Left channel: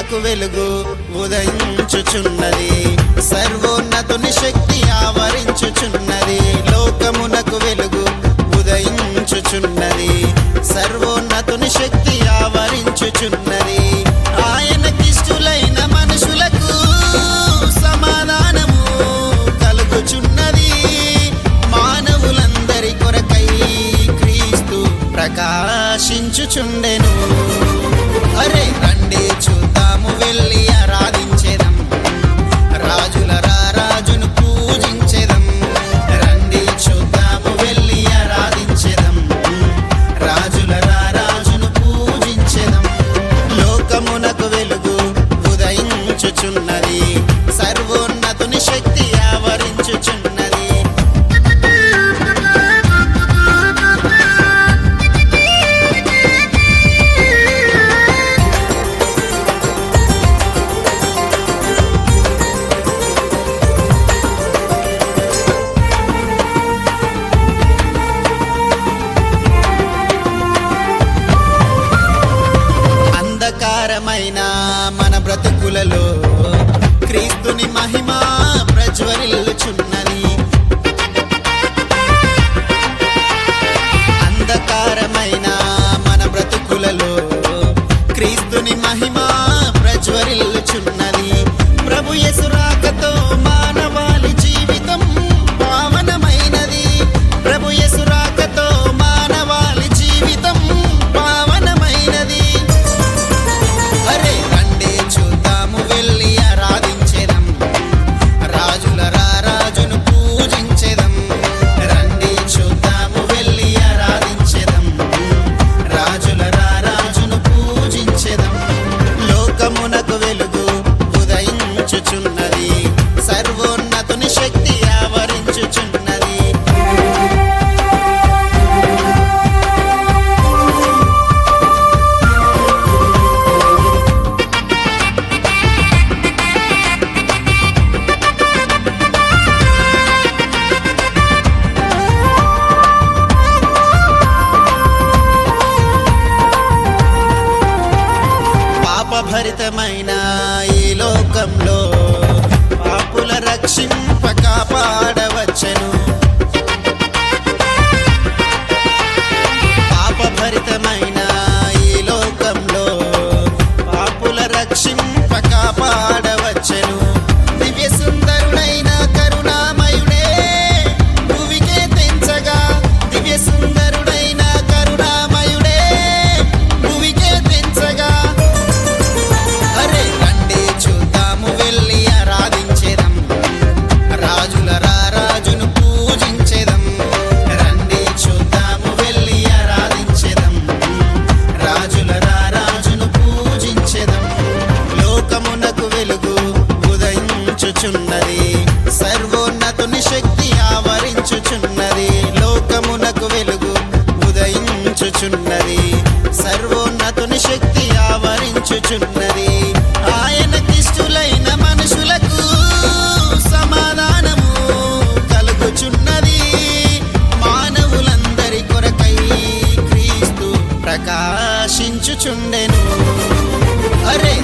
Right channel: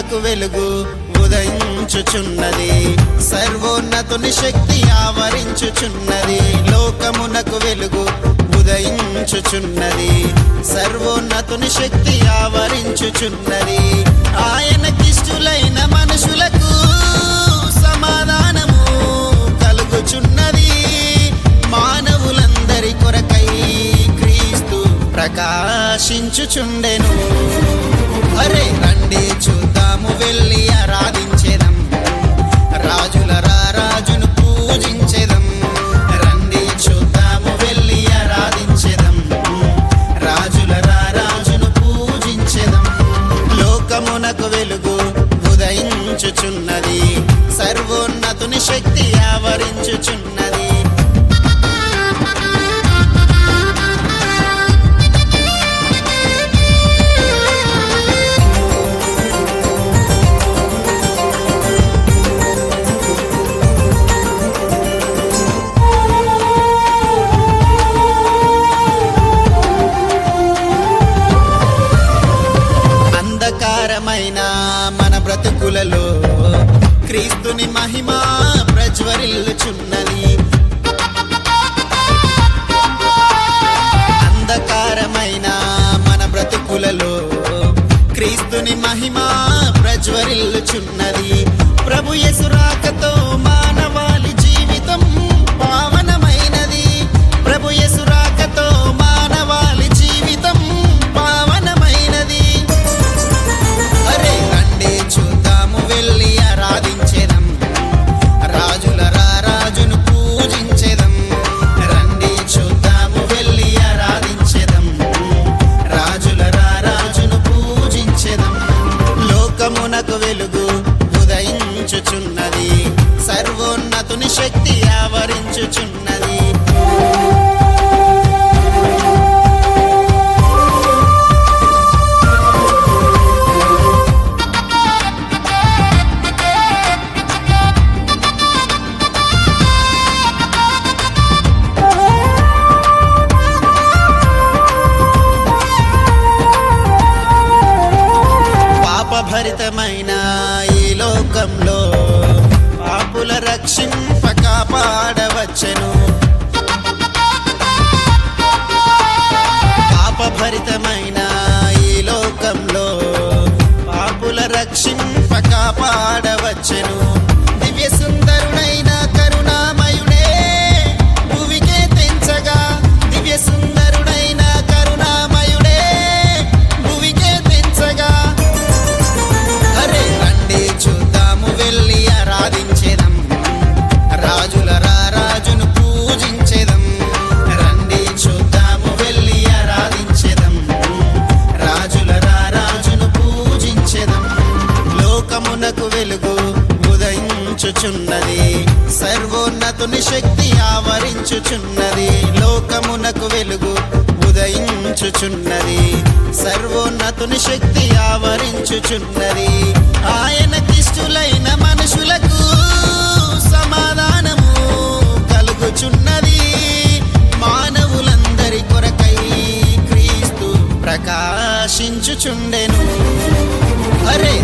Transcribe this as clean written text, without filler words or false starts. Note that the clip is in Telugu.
లోకమునకు వెలుగు ఉదయించుచున్నది, సర్వోన్నతుని శక్తి ఆవరించుచున్నది. లోకమునకు వెలుగు ఉదయించుచున్నది, సర్వోన్నతుని శక్తి ఆవరించుచున్నది. ఆయనకిష్టులైన మనుషులకు సమాధానము కలుగుచున్నది. మానవులందరి కొరకై క్రీస్తు ప్రకాశించుచుండెను. అరే రండి చూద్దాము, వెళ్ళి ఆరాధించేదం, రాజుల రాజును పూజించేదం. రండి చూద్దాము, వెళ్ళి ఆరాధించేదం, రాజుల రాజును పూజించేదం. లోకమునకు వెలుగు ఉదయించుచున్నది, సర్వోన్నతుని శక్తి ఆవరించుచున్నది. అంధకారమైన మన బ్రతుకులలో క్రీస్తుని మహిమ ప్రజ్వరిల్లుచున్నది. అంధకారమైన మన బ్రతుకులలో క్రీస్తుని మహిమ ప్రజ్వరిల్లుచున్నది. ప్రభు యేసు రాకతో మానవాళి జీవితం పావనమైనది. ప్రభు యేసు రాకతో మానవాళి జీవితం పావనమైనది. అరే రండి చూద్దాము, వెళ్ళి ఆరాధించేదం, రాజుల రాజును పూజించేదం. రండి చూద్దాము, వెళ్ళి ఆరాధించేదం, రాజుల రాజును పూజించేదం. లోకమునకు వెలుగు ఉదయించుచున్నది, సర్వోన్నతుని శక్తి ఆవరించుచున్నది. పాపభరితమైన ఈ లోకంలో పాపుల రక్షింప కాపాడవచ్చెను. పాపభరితమైన ఈ లోకంలో పాపుల రక్షింప కాపాడవచ్చెను. దివ్య సుందరుడైన కరుణామయుడే భూమికే తెంచగా, దివ్య సుందరుడైన కరుణామయుడే భూమికే తెంచగా. అరే రండి చూద్దాము, వెళ్ళి ఆరాధించేదం, రాజుల రాజును పూజించేదం. రండి చూద్దాము, వెళ్ళి ఆరాధించేదం, రాజుల రాజును పూజించేదం. లోకమునకు వెలుగు ఉదయించుచున్నది, సర్వోన్నతుని శక్తి ఆవరించుచున్నది. లోకమునకు వెలుగు ఉదయించుచున్నది, సర్వోన్నతుని శక్తి ఆవరించుచున్నది. ఆయనకిష్టులైన మనుషులకు సమాధానము కలుగుచున్నది. మానవులందరి కొరకై క్రీస్తు ప్రకాశించుచుండెను. అరే